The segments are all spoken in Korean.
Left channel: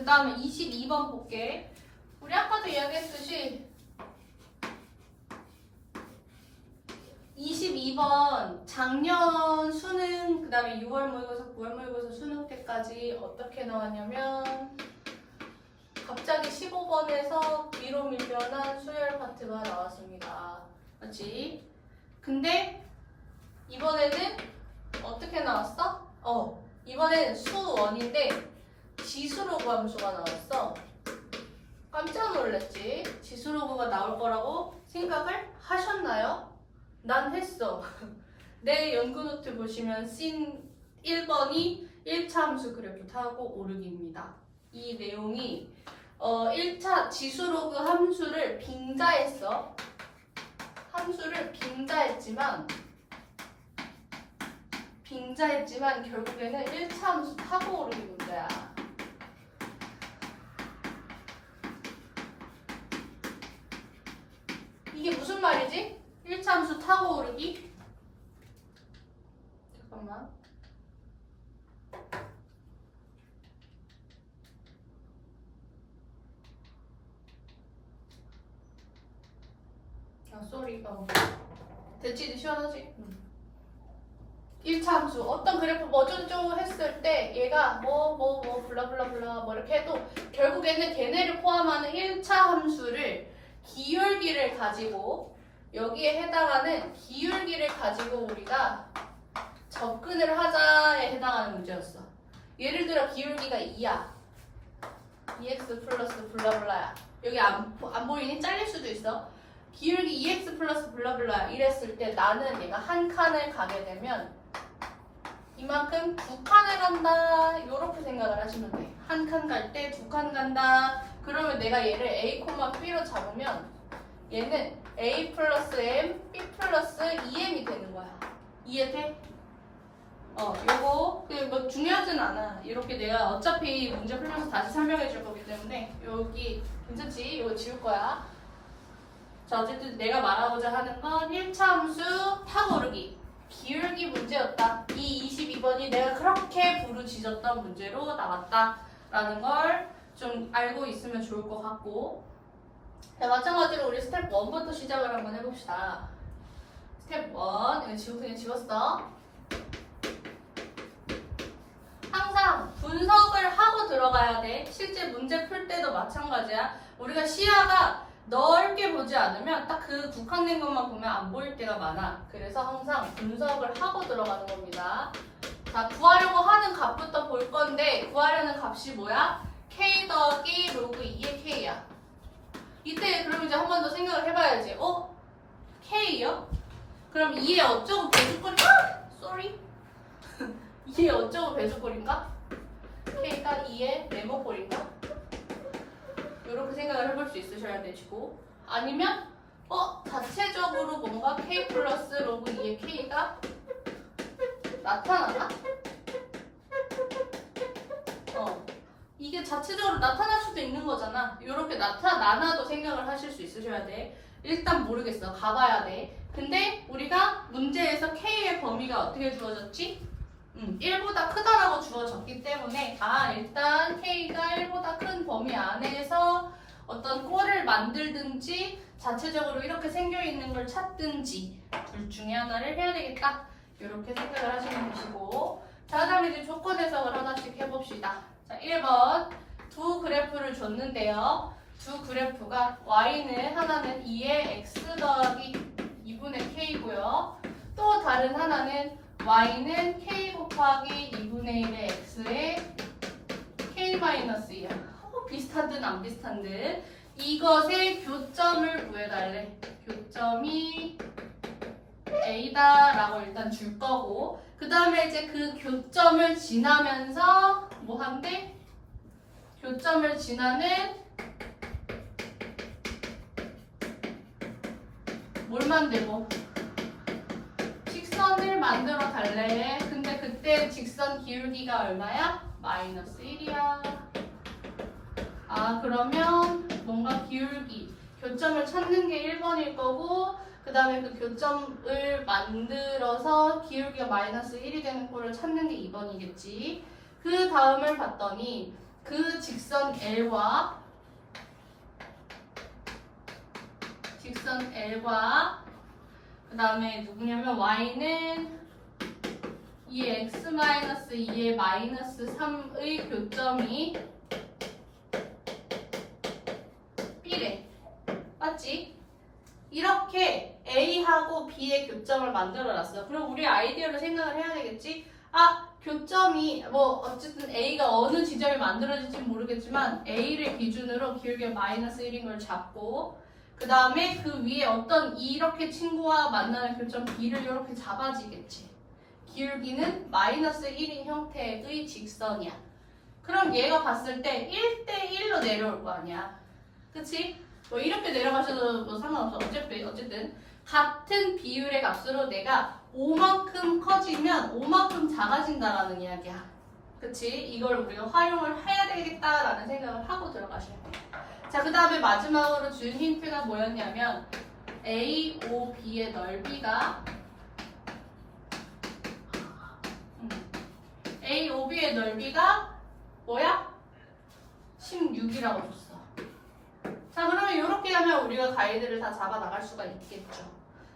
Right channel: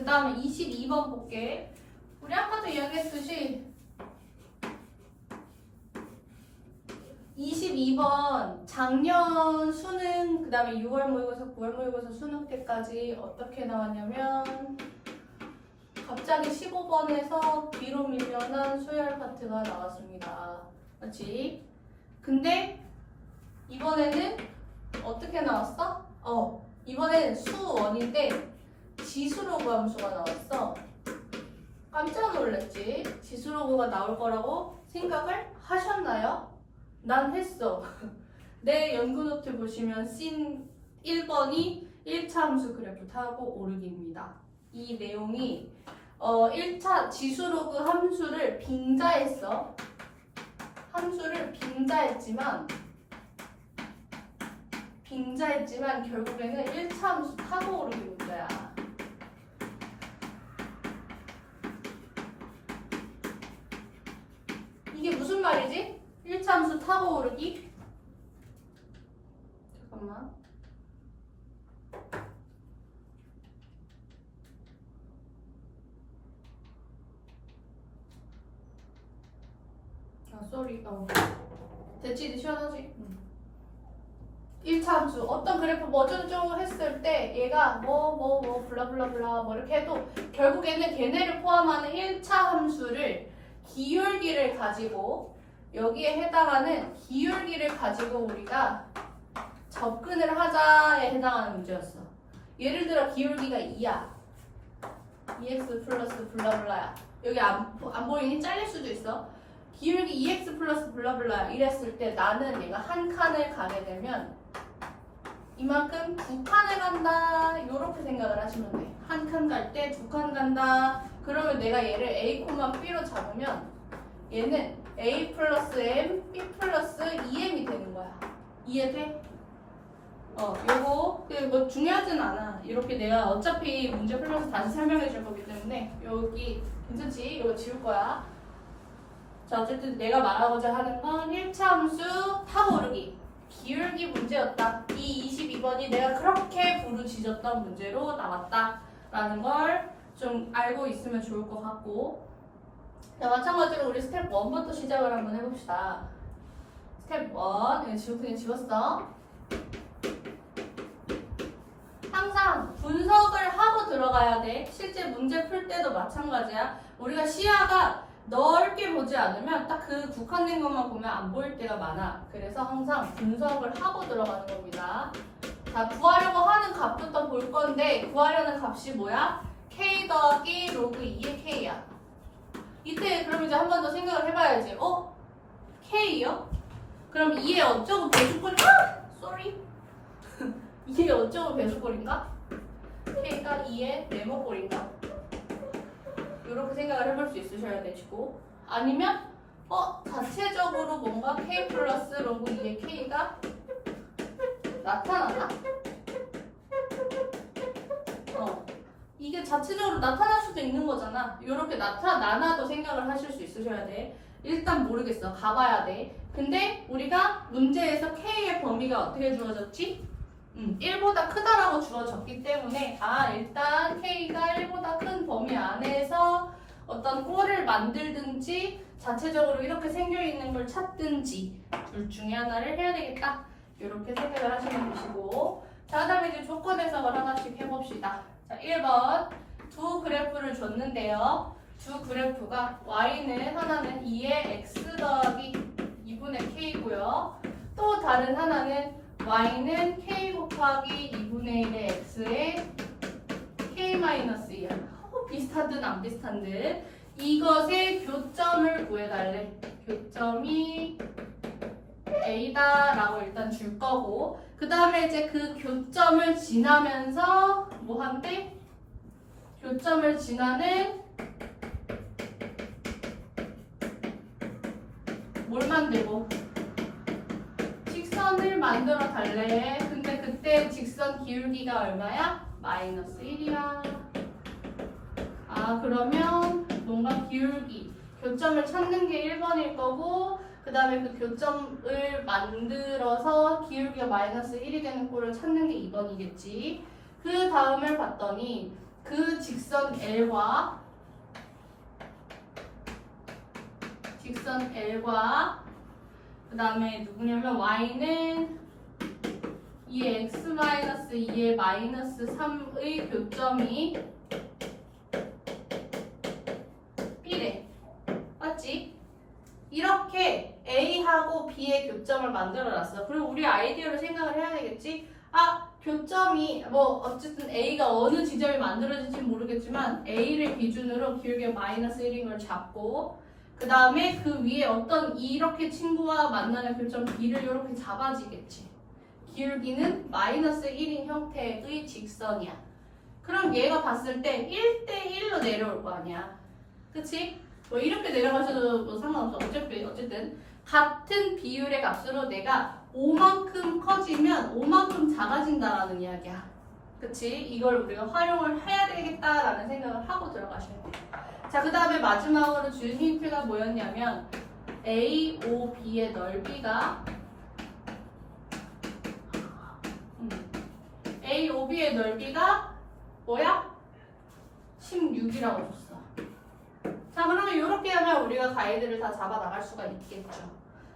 그 다음에 22번 볼게. 우리 아까도 이야기했듯이 22번 작년 수능, 그 다음에 6월 모의고사, 9월 모의고사 수능 때까지 어떻게 나왔냐면 갑자기 15번에서 뒤로 밀려난 수열 파트가 나왔습니다. 맞지? 근데 이번에는 어떻게 나왔어? 이번에는 수원인데 지수로그 함수가 나왔어. 깜짝 놀랐지? 지수로그가 나올 거라고 생각을 하셨나요? 난 했어. 내 연구노트 보시면 씬 1번이 1차 함수 그래프 타고 오르기입니다. 이 내용이 1차 지수로그 함수를 빙자했어. 함수를 빙자했지만 결국에는 1차 함수 타고 오르기 문제야. 이게 무슨 말이지? 1차 함수 타고 오르기? 잠깐만. 쏘리. 됐지? 시원하지? 1차 함수 어떤 그래프 뭐쩌고저쩌고 했을 때 얘가 블라블라블라 뭐 이렇게 해도 결국에는 걔네를 포함하는 1차 함수를 기울기를 가지고 여기에 해당하는 기울기를 가지고 우리가 접근을 하자에 해당하는 문제였어. 예를 들어 기울기가 2야. 2x 플러스 블라블라야. 여기 안 보이니? 잘릴 수도 있어. 기울기 2x 플러스 블라블라 이랬을 때 나는 얘가 한 칸을 가게 되면 이만큼 두 칸을 간다 이렇게 생각을 하시면 돼. 한 칸 갈 때 두 칸 간다. 그러면 내가 얘를 a, b로 잡으면 얘는 a 플러스 m, b 플러스 2m이 되는 거야. 이해돼? 요거 뭐 중요하진 않아. 이렇게 내가 어차피 문제 풀면서 다시 설명해 줄 거기 때문에 여기 괜찮지? 이거 지울 거야. 자, 어쨌든 내가 말하고자 하는 건 1차 함수 타고 오르기 기울기 문제였다. 이 22번이 내가 그렇게 부르짖었던 문제로 나왔다라는 걸 좀 알고 있으면 좋을 것 같고, 자, 마찬가지로 우리 스텝 1부터 시작을 한번 해봅시다. 스텝 1 그냥 지웠어. 항상 분석을 하고 들어가야 돼. 실제 문제 풀 때도 마찬가지야. 우리가 시야가 넓게 보지 않으면 딱 그 국한된 것만 보면 안 보일 때가 많아. 그래서 항상 분석을 하고 들어가는 겁니다. 자, 구하려고 하는 값부터 볼 건데 구하려는 값이 뭐야? k 더하기 로그 2의 k야. 이때 그럼 이제 한 번 더 생각을 해봐야지. k요? 그럼 2의 어쩌고 배수꼴인가? 쏘리? 2의 어쩌고 배수꼴인가? k가 2의 네모꼴인가? 이렇게 생각을 해볼 수 있으셔야 되시고, 아니면 자체적으로 뭔가 k 플러스 로그 2의 k가 나타나나? 이게 자체적으로 나타날 수도 있는 거잖아. 이렇게 나타나나도 생각을 하실 수 있으셔야 돼. 일단 모르겠어. 가봐야 돼. 근데 우리가 문제에서 k의 범위가 어떻게 주어졌지? 1보다 크다라고 주어졌기 때문에 일단 k가 1보다 큰 범위 안에서 어떤 꼴을 만들든지 자체적으로 이렇게 생겨있는 걸 찾든지 둘 중에 하나를 해야 되겠다. 이렇게 생각을 하시면 되시고, 자, 그다음에 이제 조건 해석을 하나씩 해봅시다. 자, 1번 두 그래프를 줬는데요. 두 그래프가 y는 하나는 2의 x 더하기 2분의 k고요. 또 다른 하나는 y는 k 곱하기 2분의 1의 x의 k-2야. 비슷한 듯 안 비슷한 듯. 이것의 교점을 구해달래. 교점이 A다라고 일단 줄 거고, 그 다음에 이제 그 교점을 지나면서 뭐 한대? 교점을 지나는 뭘 만들고? 직선을 만들어 달래. 근데 그때 직선 기울기가 얼마야? 마이너스 1이야. 그러면 뭔가 기울기, 교점을 찾는 게 1번일 거고, 그 다음에 그 교점을 만들어서 기울기가 마이너스 1이 되는 꼴을 찾는 게 2번이겠지. 그 다음을 봤더니 그 직선 L과 그 다음에 누구냐면 y는 이 x-2의 마이너스 3의 교점이 B래. 맞지? 이렇게 A하고 B의 교점을 만들어놨어. 그럼 우리 아이디어로 생각을 해야 되겠지? 아, 교점이 뭐 어쨌든 A가 어느 지점이 만들어질지 모르겠지만 A를 기준으로 기울기 마이너스 1인 걸 잡고 그 다음에 그 위에 어떤 이렇게 친구와 만나는 교점 B를 이렇게 잡아지겠지. 기울기는 마이너스 1인 형태의 직선이야. 그럼 얘가 봤을 때 1대1로 내려올 거 아니야. 그치? 뭐 이렇게 내려가셔도 뭐 상관없어. 어쨌든 같은 비율의 값으로 내가 5만큼 커지면 5만큼 작아진다라는 이야기야. 그치? 이걸 우리가 활용을 해야 되겠다라는 생각을 하고 들어가셔야 돼. 자, 그 다음에 마지막으로 준 힌트가 뭐였냐면 AOB의 넓이가 AOB의 넓이가 뭐야? 16이라고 줬어. 자, 그러면 이렇게 하면 우리가 가이드를 다 잡아 나갈 수가 있겠죠.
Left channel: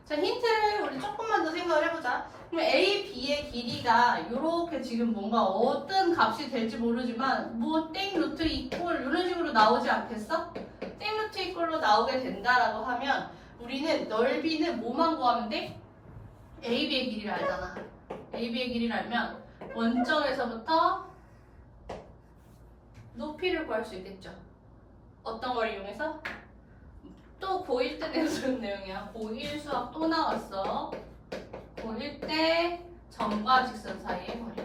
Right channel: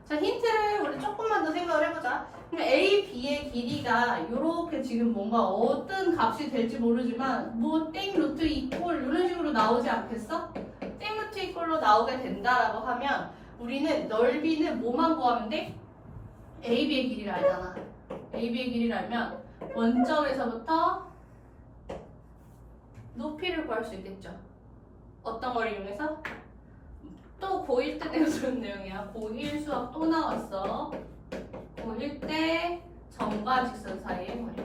자, 힌트를 우리 조금만 더 생각을 해보자. 그럼 A, B의 길이가 이렇게 지금 뭔가 어떤 값이 될지 모르지만 뭐 땡 루트 이꼴 이런 식으로 나오지 않겠어? 땡 루트 이꼴로 나오게 된다라고 하면 우리는 넓이는 뭐만 구하면 돼? A, B의 길이를 알잖아. A, B의 길이를 알면 원점에서부터 높이를 구할 수 있겠죠. 어떤 걸 이용해서? 또 고1 때 내어준 내용이야. 고1 수학 또 나왔어. 고1 때 점과 직선 사이의 거리.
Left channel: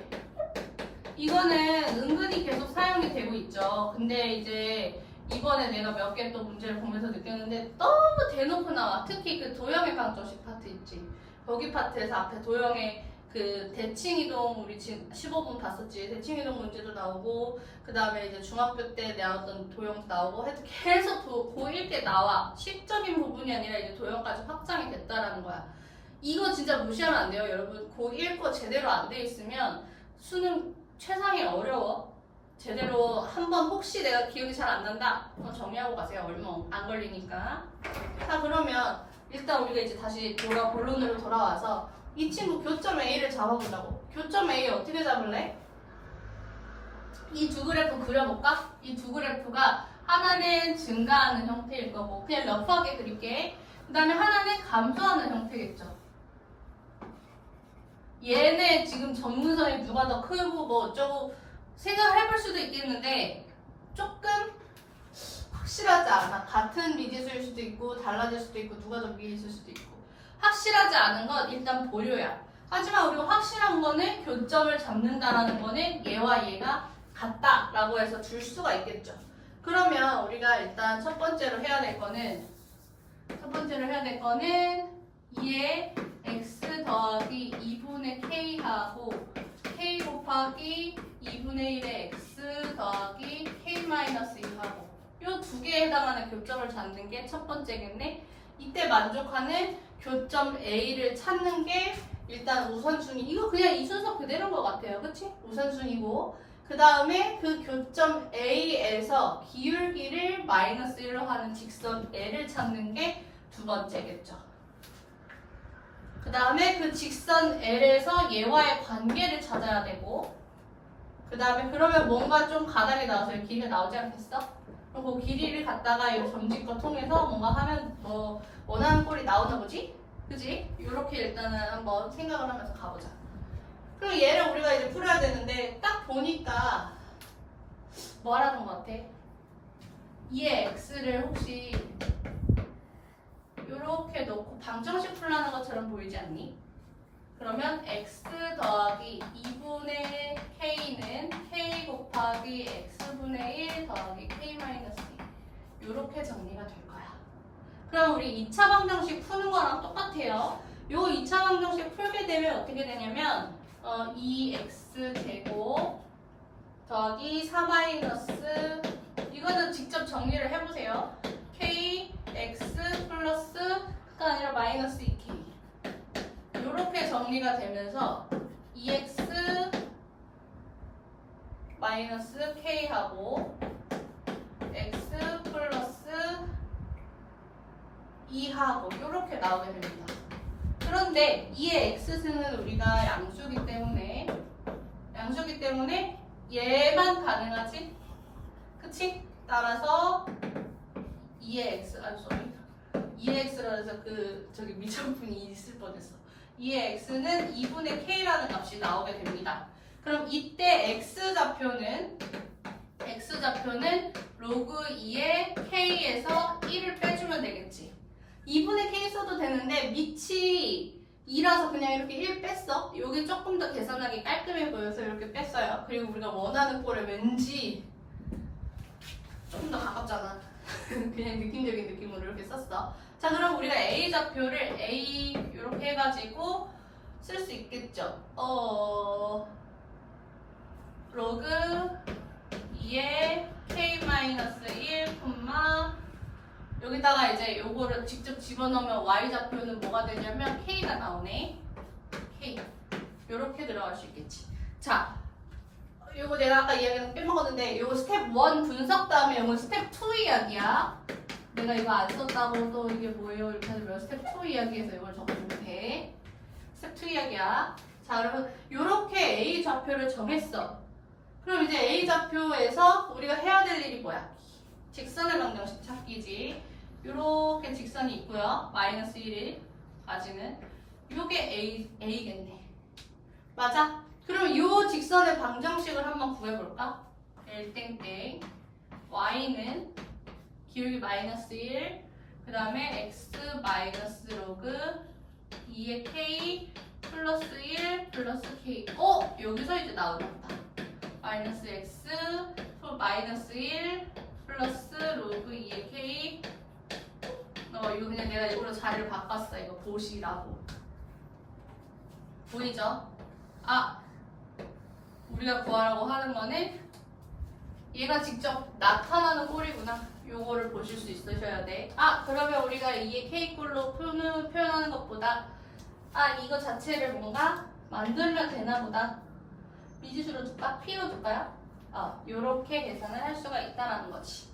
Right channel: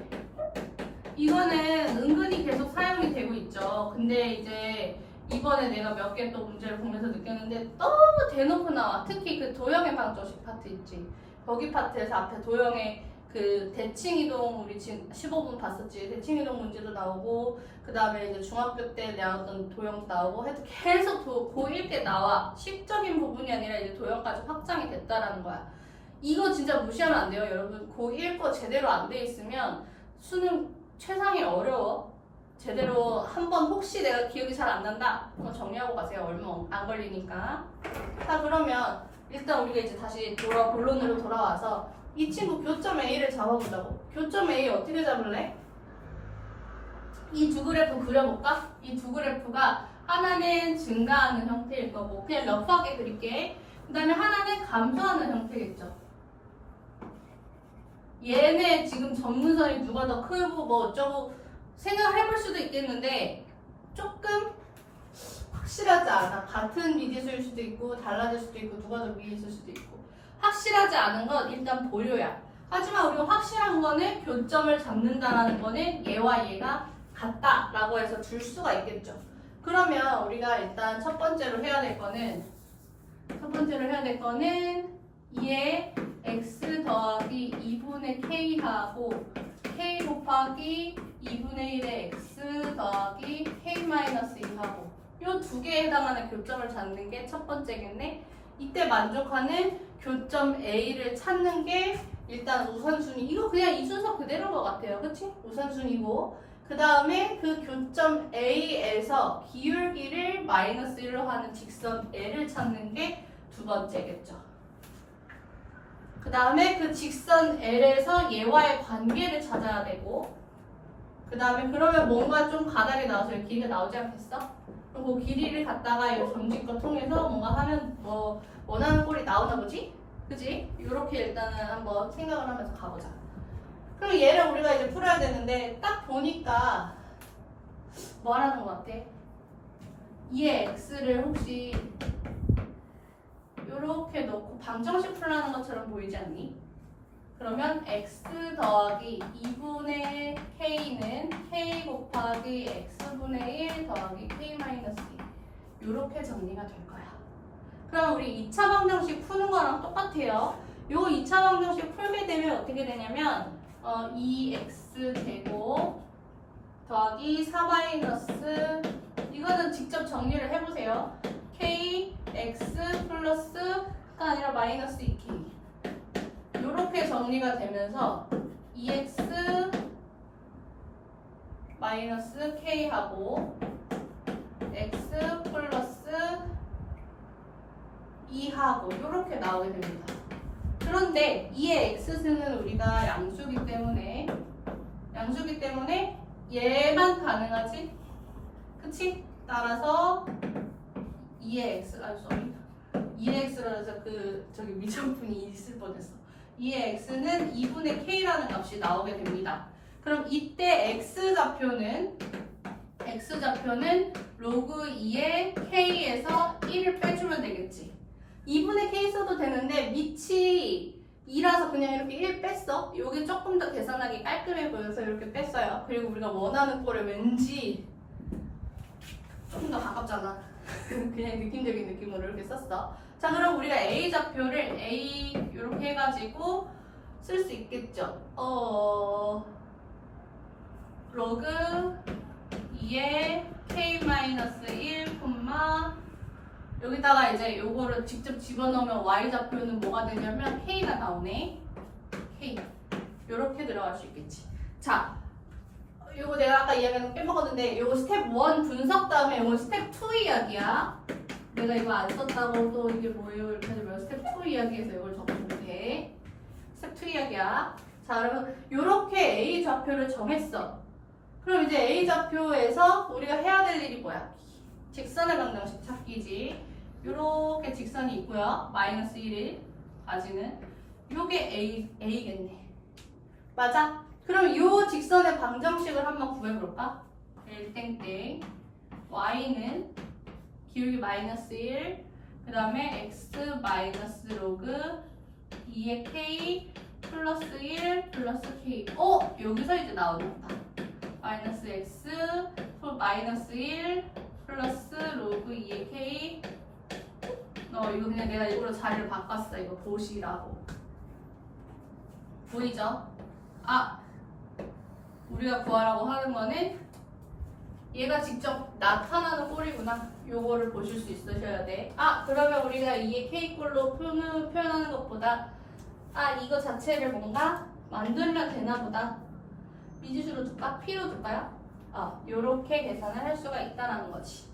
이거는 은근히 계속 사용이 되고 있죠. 근데 이제 이번에 내가 몇 개 또 문제를 보면서 느꼈는데 너무 대놓고 나와. 특히 그 도형의 방정식 파트 있지. 거기 파트에서 앞에 도형의 그 대칭이동 우리 지금 15분 봤었지. 대칭이동 문제도 나오고 그 다음에 이제 중학교 때 나왔던 도형도 나오고 하여튼 계속 고1 때 나와. 식적인 부분이 아니라 이제 도형까지 확장이 됐다라는 거야. 이거 진짜 무시하면 안 돼요, 여러분. 고1 거 제대로 안 돼 있으면 수능 최상이 어려워. 제대로 한번 혹시 내가 기억이 잘 안 난다? 그럼 정리하고 가세요. 얼마 안 걸리니까. 자, 그러면 일단 우리가 이제 다시 본론으로 돌아와서 이 친구 교점 A를 잡아보자고. 교점 A 어떻게 잡을래? 이 두 그래프 그려볼까? 이 두 그래프가 하나는 증가하는 형태일 거고 그냥 러프하게 그릴게. 그 다음에 하나는 감소하는 형태겠죠. 얘네 지금 점문선이 누가 더 크고 뭐 어쩌고 생각을 해볼 수도 있겠는데 조금 확실하지 않아. 같은 미지수일 수도 있고 달라질 수도 있고 누가 더 위에 있을 수도 있고 확실하지 않은 건 일단 보료야. 하지만 우리가 확실한 거는 교점을 잡는다라는 거는 얘와 얘가 같다라고 해서 줄 수가 있겠죠. 그러면 우리가 일단 첫 번째로 해야 될 거는 얘 x 더하기 2분의 k하고 k 곱하기 2분의 1의 x 더하기 k-2하고 이 두 개에 해당하는 교점을 찾는 게 첫 번째겠네. 이때 만족하는 교점 A를 찾는 게 일단 우선순위. 이거 그냥 이 순서 그대로인 것 같아요. 그치? 우선순위고 그 다음에 그 교점 A에서 기울기를 마이너스 1로 하는 직선 L을 찾는 게 두 번째겠죠. 그 다음에 그 직선 L에서 얘와의 관계를 찾아야 되고 그 다음에 그러면 뭔가 좀 가닥이 나와서 길이가 나오지 않겠어? 그럼 그 길이를 갖다가 이 점집과 통해서 뭔가 하면 뭐 원하는 꼴이 나오나 보지? 그지? 이렇게 일단은 한번 생각을 하면서 가보자. 그럼 얘를 우리가 이제 풀어야 되는데 딱 보니까 뭐라는 것 같아? 얘 x를 혹시 이렇게 넣고 방정식 풀라는 것처럼 보이지 않니? 그러면 x 더하기 2분의 k는 k 곱하기 x분의 1 더하기 k-2 이렇게 정리가 될 거야. 그럼 우리 2차 방정식 푸는 거랑 똑같아요. 요 2차 방정식 풀게 되면 어떻게 되냐면 2x 제곱 더하기 4 이거는 직접 정리를 해보세요. k x 플러스가 아니라 마이너스 2k 이렇게 정리가 되면서 2x 마이너스 k k하고 x 플러스 2하고 이렇게 나오게 됩니다. 그런데 2의 x승은 우리가 양수기 때문에 얘만 가능하지? 그치? 따라서 2의 x, 2의 x로 해서 저기 미정분이 있을 뻔했어. 2의 x는 2분의 k라는 값이 나오게 됩니다. 그럼 이때 x좌표는 로그 2의 k에서 1을 빼주면 되겠지. 2분의 k 써도 되는데 밑이 2라서 그냥 이렇게 1 뺐어. 여기 조금 더 계산하기 깔끔해 보여서 이렇게 뺐어요. 그리고 우리가 원하는 꼴에 왠지 조금 더 가깝잖아. 그냥 느낌적인 느낌으로 이렇게 썼어. 자, 그럼 우리가 A 좌표를 A 이렇게 해가지고 쓸 수 있겠죠. 로그 2의 k-1, 여기다가 이제 요거를 직접 집어넣으면 y 좌표는 뭐가 되냐면 k가 나오네. k. 요렇게 들어갈 수 있겠지. 자, 요거 내가 아까 이야기는 빼먹었는데 요거 스텝 1 분석 다음에 요거 스텝 2 이야기야. 내가 이거 안 썼다고 또 이게 뭐예요? 이렇게 하면 스텝 2 이야기에서 이걸 적어주면 돼. 스텝 2 이야기야. 자, 그러면 요렇게 A 좌표를 정했어. 그럼 이제 A 좌표에서 우리가 해야 될 일이 뭐야? 직선의 방정식 찾기지. 요렇게 직선이 있고요. 마이너스 1까지는 요게 A겠네. 맞아? 그럼 요 직선의 방정식을 한번 구해볼까? L땡땡 Y는 기울기 마이너스 1, 그 다음에 X 마이너스 로그 2의 K 플러스 1 플러스 K. 여기서 이제 나오겠다. 마이너스 X 마이너스 1 플러스 로그 2의 K. 이거 그냥 내가 일부러 자리를 바꿨어. 이거 보시라고. 보이죠? 우리가 구하라고 하는 거는 얘가 직접 나타나는 꼴이구나. 요거를 보실 수 있으셔야 돼. 그러면 우리가 이게 K꼴로 표현하는 것보다 이거 자체를 뭔가 만들면 되나 보다. 미지수로 줄까? P로 줄까요? 요렇게 계산을 할 수가 있다라는 거지.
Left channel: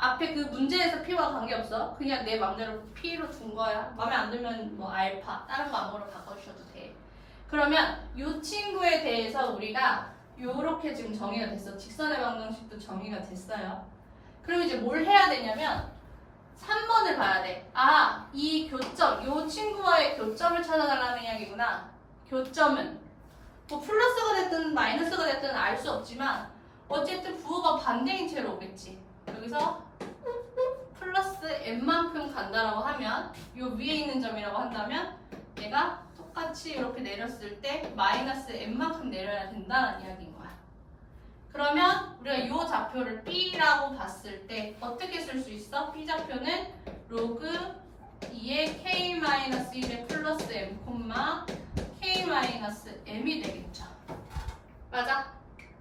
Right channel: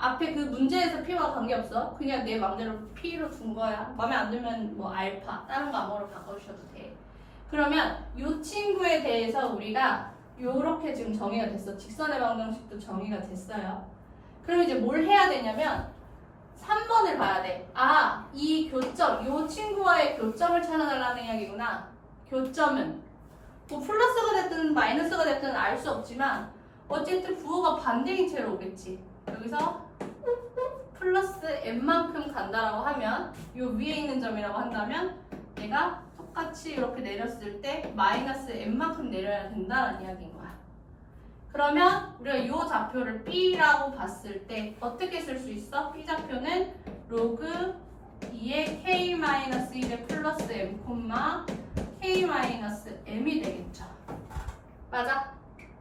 앞에 그 문제에서 P와 관계없어. 그냥 내 맘대로 P로 둔 거야. 마음에 안 들면 뭐 알파, 다른 거 아무거나 바꿔주셔도 돼. 그러면 이 친구에 대해서 우리가 요렇게 지금 정의가 됐어. 직선의 방정식도 정의가 됐어요. 그럼 이제 뭘 해야 되냐면 3번을 봐야 돼. 이 교점, 이 친구와의 교점을 찾아달라는 이야기구나. 교점은 뭐 플러스가 됐든 마이너스가 됐든 알 수 없지만 어쨌든 부호가 반대인 채로 오겠지. 여기서 플러스 n만큼 간다라고 하면 이 위에 있는 점이라고 한다면 얘가 똑같이 이렇게 내렸을 때 마이너스 n만큼 내려야 된다는 이야기인 거야. 그러면 우리가 이 좌표를 B라고 봤을 때 어떻게 쓸 수 있어? B 좌표는 로그 2의 K-1의 플러스 M, K-M이 되겠죠. 맞아?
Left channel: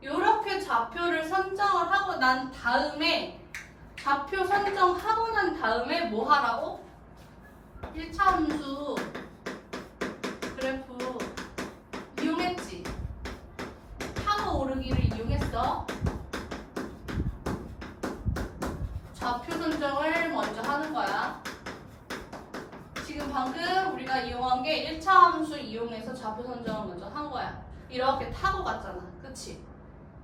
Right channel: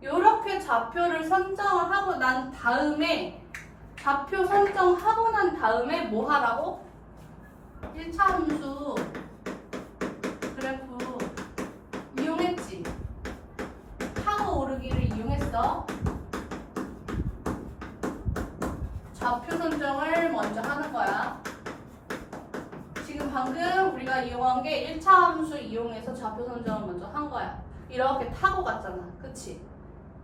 이렇게 좌표를 선정을 하고 난 다음에 좌표 선정하고 난 다음에 뭐 하라고? 1차 함수 그래프 이용했지? 타고 오르기를 이용했어. 좌표 선정을 먼저 하는 거야. 지금 방금 우리가 이용한 게 1차 함수 이용해서 좌표 선정을 먼저 한 거야. 이렇게 타고 갔잖아. 그치?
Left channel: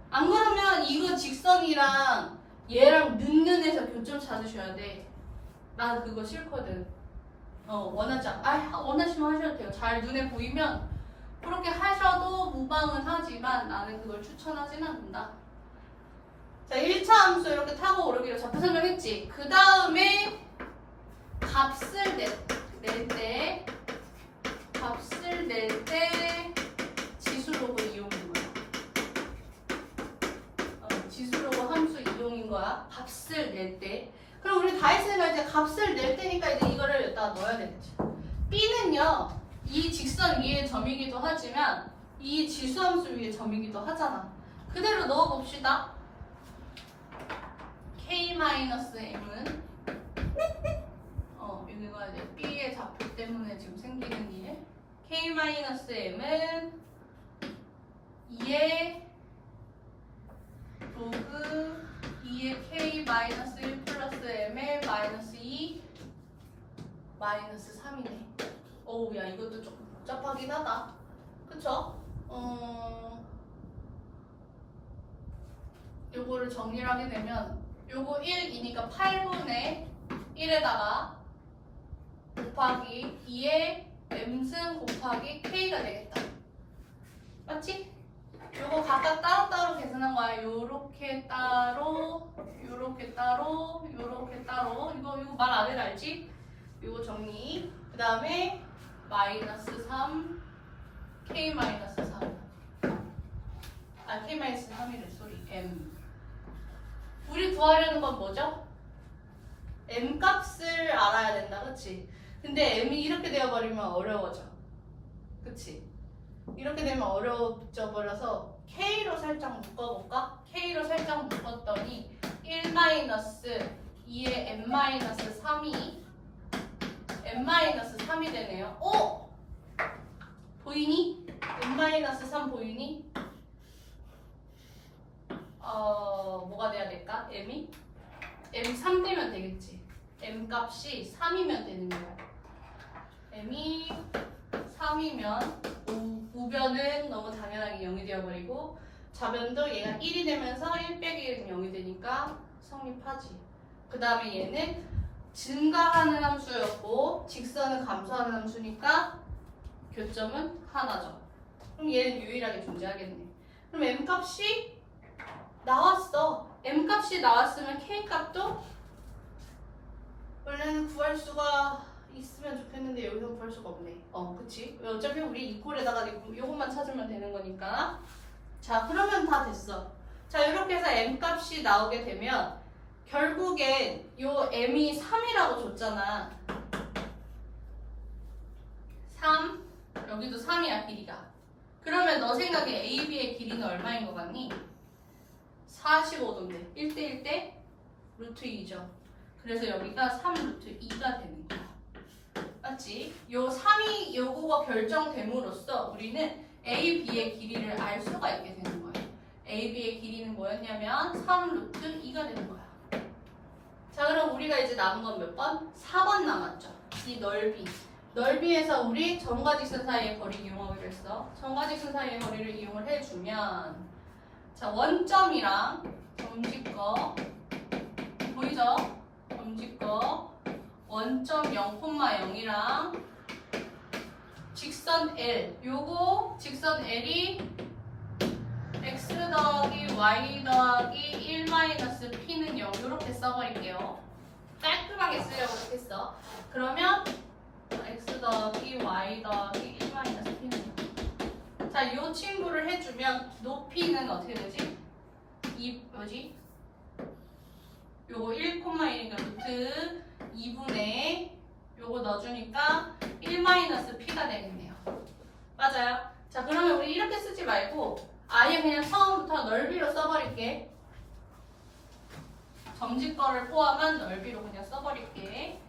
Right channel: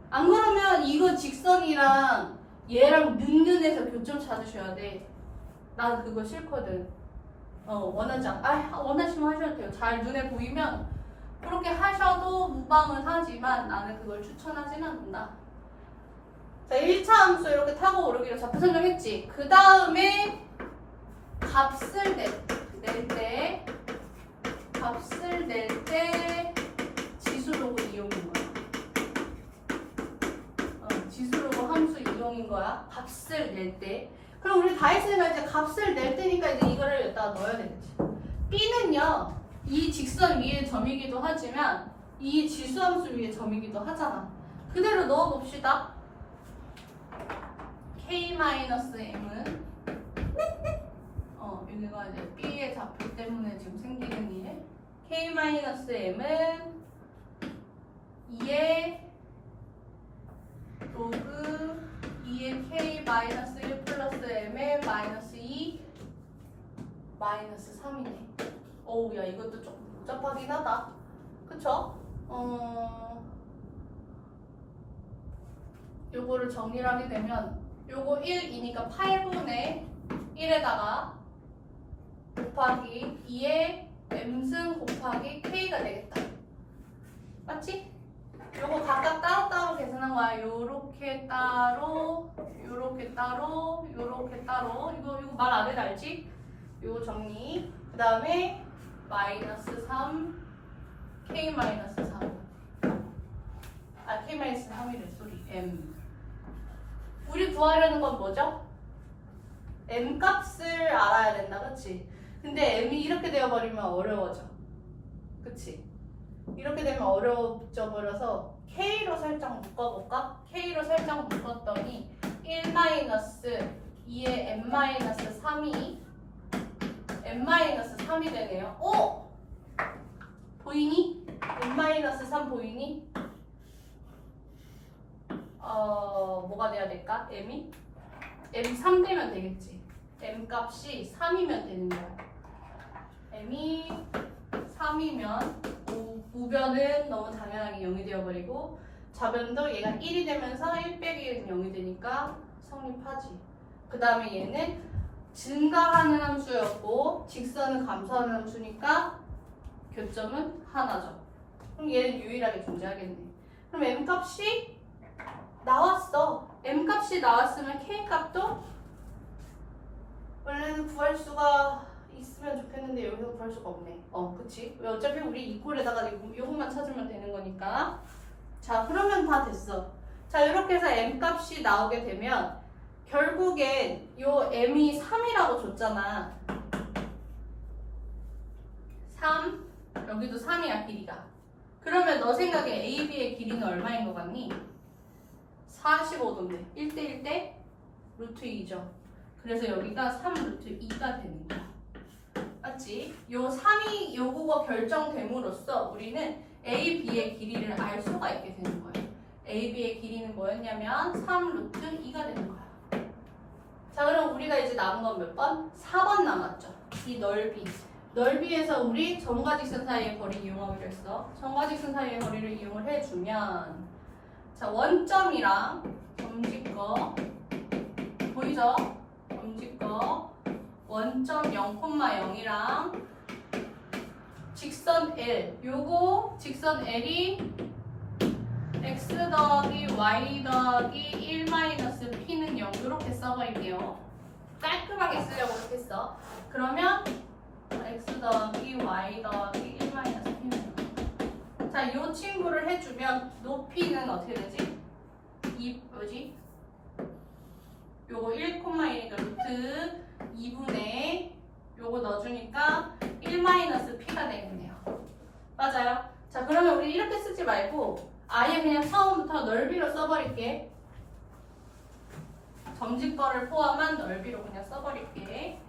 안 그러면 이거 직선이랑 얘랑 는는에서 교점 찾으셔야 돼. 나는 그거 싫거든. 원하지 않아. 원하시면 하셔도 돼요. 잘 눈에 보이면 그렇게 하셔도 무방은 하지만 나는 그걸 추천하진 않는다. 자, 1차 함수 이렇게 타고 오르기로 좌표 설명했지. 그 다음에 값을 낼 때 지수로그 이용인 거야. 지수로그 함수 이용인 거야. 값을 낼 때. 그럼 우리 다 했으니까 이제 값을 낼 때니까 이제 이거를 여기다가 넣어야 되겠지. B는요, 이 직선 위에 점이기도 하지만 이 지수함수 위에 점이기도 하잖아. 그대로 넣어봅시다. K-M은 여기가 이제 B의 좌표 때문에 지금 생기는 일. K-M은 2의 로그 마이너스 3이네. 어우, 야, 이것도 조금 복잡하긴 하다. 그쵸? 요거를 정리를 하게 되면 요거 1이니까 8분의 1에다가 곱하기 2의 m승 곱하기 k가 되겠다. 맞지? 요거 각각 따로따로 계산한 거야. 요렇게 따로, 요렇게 따로, 요렇게 따로. 이거 말 안 해도 알지? 요거 정리. 그 다음에 마이너스 3, k 마이너스 3. 아, k 마이너스 3이래. 소리. m. 우리 구하려는 건 뭐죠? m 값을 알아야 된다. 그치? 근데 m이 이렇게 되어버리면 어려워져. 그치? 이렇게 되면 어려워져 버려서 k로 살짝 묶어볼까? k로 살짝 묶었더니 1-2의 m-3이 m-3이 되네요. 오! 보이니? m-3 보이니? 뭐가 돼야 될까? m이? m 3 되면 되겠지. m 값이 3이면 되는 거야. m이 3이면 우변은 너무 당연하게 0이 되어버리고 좌변도 얘가 1이 되면서 1 빼기 1은 0이 되니까 성립하지. 그 다음에 얘는 증가하는 함수였고 직선은 감소하는 함수니까 교점은 하나죠. 그럼 얘는 유일하게 존재하겠네. 그럼 m 값이 나왔어. m 값이 나왔으면 k 값도 원래는 구할 수가 있으면 좋겠는데 여기서 구할 수가 없네. 그치? 어차피 우리 이꼴에다가 요것만 찾으면 되는 거니까. 자, 그러면 다 됐어. 자, 이렇게 해서 m 값이 나오게 되면 결국엔 요 m이 3이라고 줬잖아. 3, 여기도 3이야 길이가. 그러면 너 생각에 AB의 길이는 얼마인 것 같니? 45도인데 1대1 대 루트 2죠. 그래서 여기가 3 루트 2가 되는 거야. 맞지? 요 3이 요거가 결정됨으로써 우리는 A, B의 길이를 알 수가 있게 되는 거예요. A, B의 길이는 뭐였냐면 3 루트 2가 되는 거야. 자, 그럼 우리가 이제 남은 건 몇 번? 4번 남았죠. 이 넓이. 넓이에서 우리 점과 직선 사이의 거리 이용하기로 했어. 점과 직선 사이의 거리를 이용을 해주면 자, 원점이랑 점직거 보이죠? 점직거 원점 0,0이랑 직선 L 요거 직선 L이 x 더하기 y 더하기 1 마이너스 p는 0 이렇게 써버릴게요. 깔끔하게 쓰려고 이렇게 써. 그러면 x 더하기 y 더하기 1 마이너스 p는 0. 자, 요 친구를 해주면 높이는 어떻게 되지? 요거 1,1이니까 루트 2분의 요거 넣어주니까 1 마이너스 p가 되겠네요. 맞아요? 자, 그러면 우리 이렇게 쓰지 말고 아예 그냥 처음부터 넓이로 써버릴게. 점집거를 포함한 넓이로 그냥 써버릴게.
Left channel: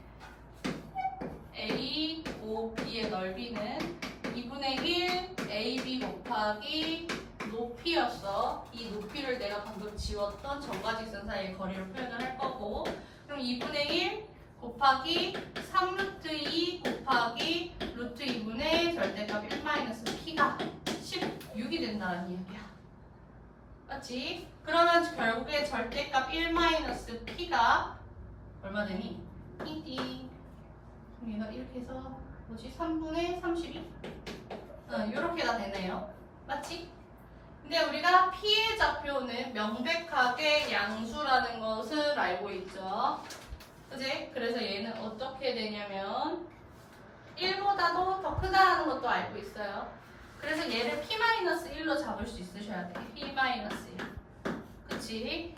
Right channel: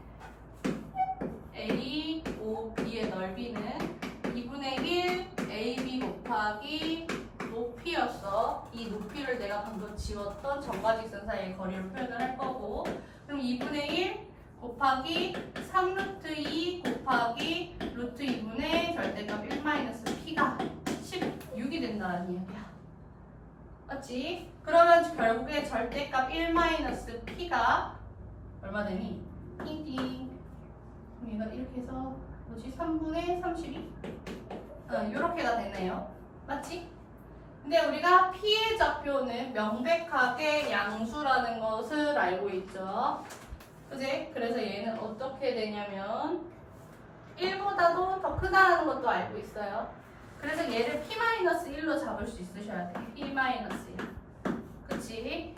A, O, B의 넓이는 2분의 1 AB 곱하기 높이였어. 이 높이를 내가 방금 지웠던 점과 직선 사이의 거리로 표현을 할 거고, 그럼 2분의 1 곱하기 3 루트 2 곱하기 루트 2분의 절대값 1 마이너스 p가 16이 된다는 이야기야. 맞지? 그러면 결국에 절대값 1 마이너스 p가 얼마 되니? PD. 그럼 얘가 이렇게 해서 뭐지? 3분의 32? 이렇게가 되네요. 맞지? 근데 우리가 p의 좌표는 명백하게 양수라는 것을 알고 있죠. 그지? 그래서 얘는 어떻게 되냐면 1보다도 더 크다는 것도 알고 있어요. 그래서 얘를 p-1로 잡을 수 있으셔야 돼. p-1. 그치?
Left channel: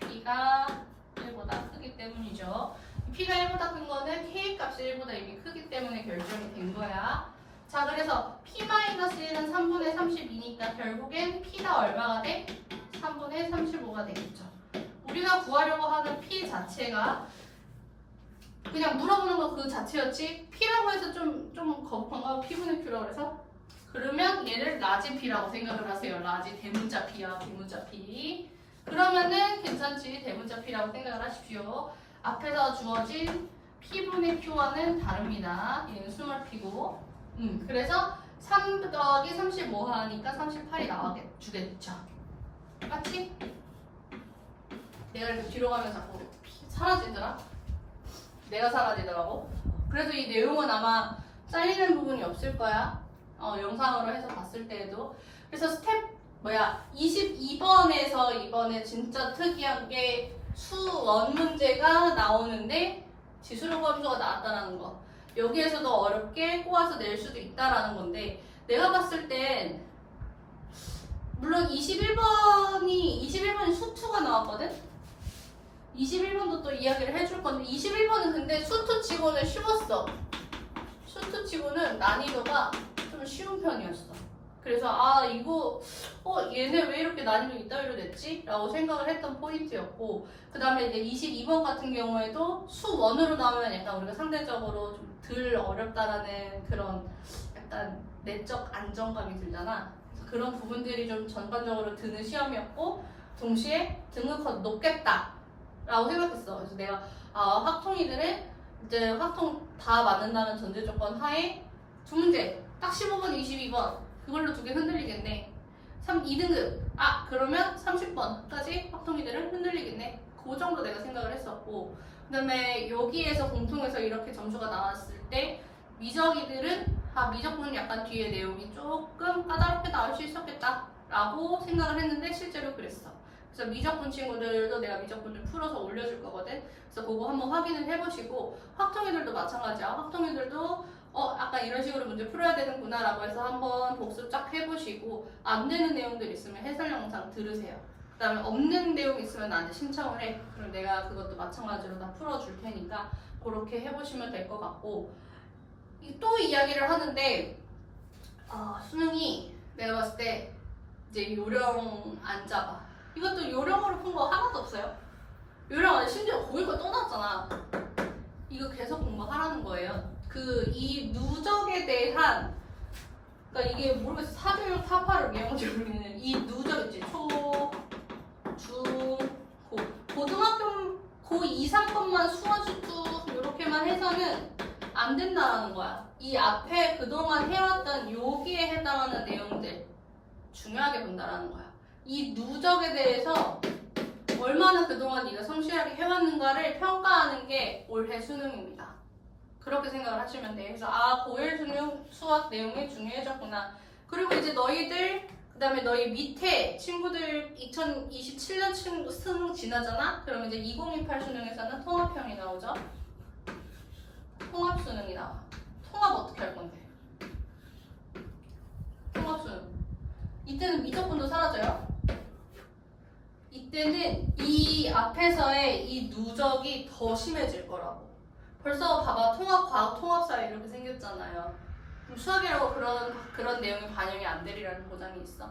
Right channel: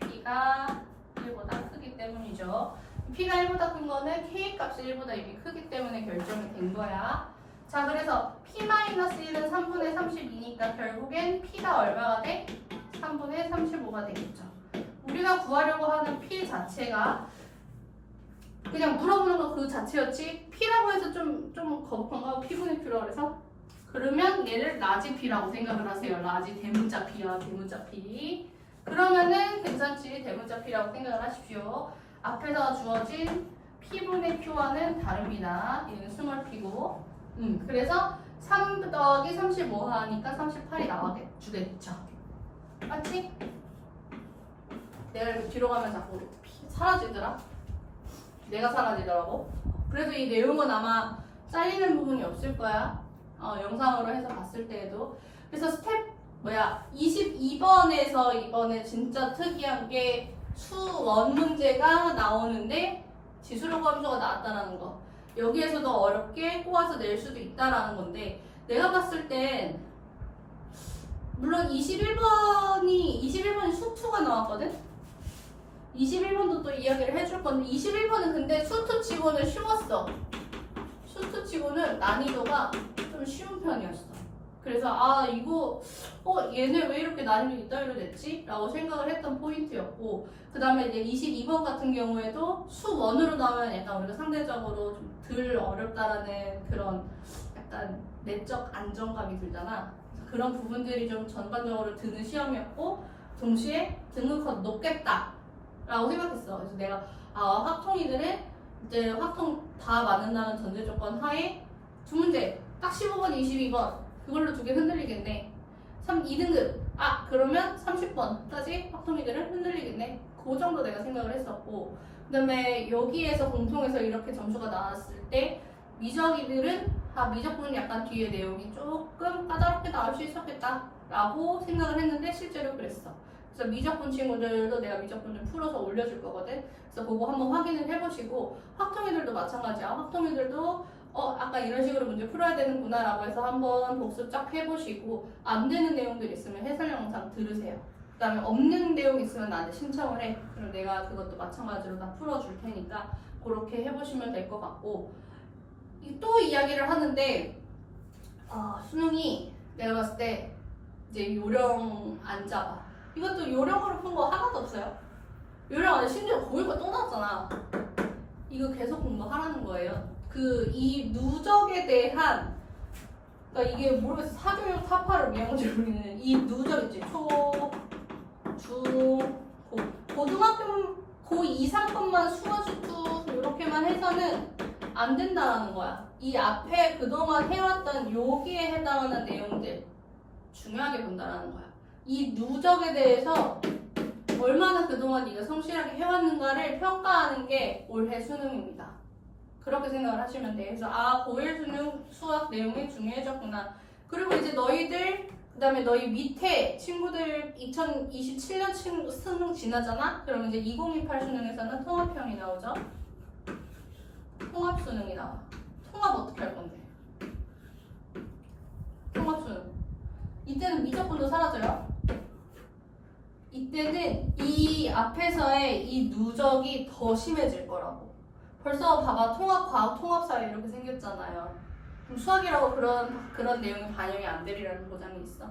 p가 1보다 크기 때문이죠. p가 1보다 큰 거는 k 값이 1보다 이미 크기 때문에 결정이 된 거야. 자, 그래서 p-1은 3분의 32니까 결국엔 p가 얼마가 돼? 3분의 35가 되겠죠. 우리가 구하려고 하는 p 자체가 그냥 물어보는 거 그 자체였지 p라고 해서 좀 거북한가? p분의 q라고 해서? 그러면 얘를 라지 p라고 생각을 하세요. 라지 대문자 p야, 대문자 p. 그러면은 괜찮지, 대문자 p라고 생각을 하십시오. 앞에서 주어진 P분의 Q와는 다릅니다. 얘는 스몰 P고. 그래서 3 더하기 35 하니까 38이 나와주겠죠. 맞지? 내가 이렇게 뒤로 가면 자꾸 사라지더라. 내가 사라지더라고. 그래서 이 내용은 아마 잘리는 부분이 없을 거야. 영상으로 해서 봤을 때에도. 그래서 스텝 22번에서 이번에 진짜 특이한 게 수원 문제가 나오는데 지수로 함수가 나왔다는 거. 여기에서도 어렵게 꼬아서 낼 수도 있다라는 건데 내가 봤을 땐 물론 21번이 수투가 나왔거든? 21번도 또 이야기를 해줄 건데 21번은 근데 수투 치고는 쉬웠어. 수투 치고는 난이도가 좀 쉬운 편이었어. 그래서 이거 얘네 왜 이렇게 난이도 이따위로 냈지? 라고 생각을 했던 포인트였고 그 다음에 이제 22번 같은 경우에도 수원으로 나오면 약간 우리가 상대적으로 좀 덜 어렵다라는 그런 약간 내적 안정감이 들잖아. 그래서 그런 부분들이 좀 전반적으로 드는 시험이었고 동시에 등급컷 높겠다 라고 생각했어. 그래서 내가 확통이들은 이제 확통 다 맞는다는 전제 조건 하에 두 문제 딱 15번, 22번 그걸로 두 개 흔들리겠네. 2등급 그러면 30번까지 확통이들은 흔들리겠네. 그 정도 내가 생각을 했었고 그 다음에 여기에서 공통해서 이렇게 점수가 나왔을 때 미적이들은 미적분은 약간 뒤에 내용이 조금 까다롭게 나올 수 있었겠다 라고 생각을 했는데 실제로 그랬어. 그래서 미적분 친구들도 내가 미적분을 풀어서 올려줄 거거든. 그래서 그거 한번 확인을 해보시고 확통이들도 마찬가지야. 확통이들도 아까 이런 식으로 문제 풀어야 되는구나 라고 해서 한번 복습 쫙 해보시고 안 되는 내용들 있으면 해설 영상 들으세요. 그 다음에 없는 내용 있으면 나한테 신청을 해. 그럼 내가 그것도 마찬가지로 다 풀어줄 테니까 그렇게 해보시면 될 것 같고 또 이야기를 하는데 수능이 내가 봤을 때 이제 요령 안 잡아. 이것도 요령으로 푼 거 하나도 없어요. 요령 안에 심지어 고일거 또 나왔잖아. 이거 계속 공부하라는 거예요. 이 누적에 대한 그러니까 이게 모르겠어. 사교육 타파를 외운지 모르겠는 이 누적 있지. 초, 중, 고. 고등학교 고 이상 것만 수화수투 이렇게만 해서는 안 된다라는 거야. 이 앞에 그동안 해왔던 여기에 해당하는 내용들 중요하게 본다라는 거야. 이 누적에 대해서 얼마나 그동안 네가 성실하게 해왔는가를 평가하는 게 올해 수능입니다. 그렇게 생각을 하시면 돼. 그래서 고1 수능 수학 내용이 중요해졌구나. 그리고 이제 너희들 그다음에 너희 밑에 친구들 2027년 수능 지나잖아? 그러면 이제 2028 수능에서는 통합형이 나오죠. 통합 수능이 나와. 통합 어떻게 할 건데? 통합 수능. 이때는 미적분도 사라져요. 이때는 이 앞에서의 이 누적이 더 심해질 거라고. 벌써 봐봐. 통합 과학, 통합 사회 이렇게 생겼잖아요. 그럼 수학이라고 그런 내용이 반영이 안 되리라는 보장이 있어.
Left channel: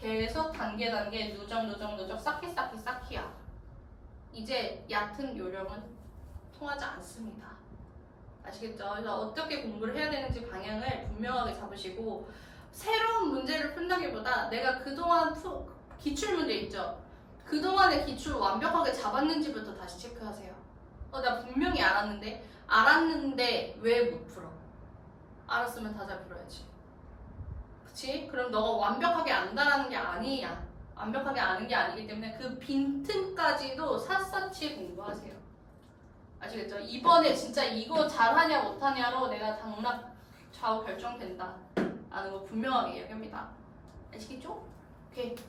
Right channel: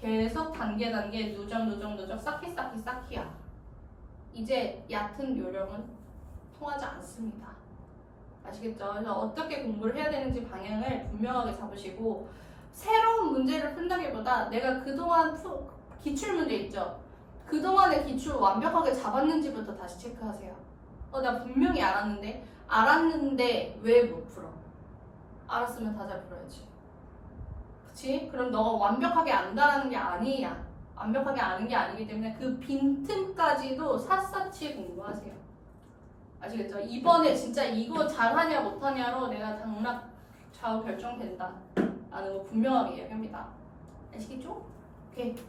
계속 단계 누적 쌓기야. 이제 얕은 요령은 통하지 않습니다. 아시겠죠? 그래서 어떻게 공부를 해야 되는지 방향을 분명하게 잡으시고 새로운 문제를 푼다기보다 내가 그동안 기출문제 있죠? 그동안의 기출 완벽하게 잡았는지부터 다시 체크하세요. 나 분명히 알았는데 왜 못 풀어? 알았으면 다 잘 풀어야지. 그치? 그럼 너가 완벽하게 안다라는 게 아니야. 완벽하게 아는 게 아니기 때문에 그 빈틈까지도 샅샅이 공부하세요. 아시겠죠? 이번에 진짜 이거 잘하냐 못하냐로 내가 당락 좌우 결정된다 라는 거 분명하게 이야기합니다. 아시겠죠? 오케이.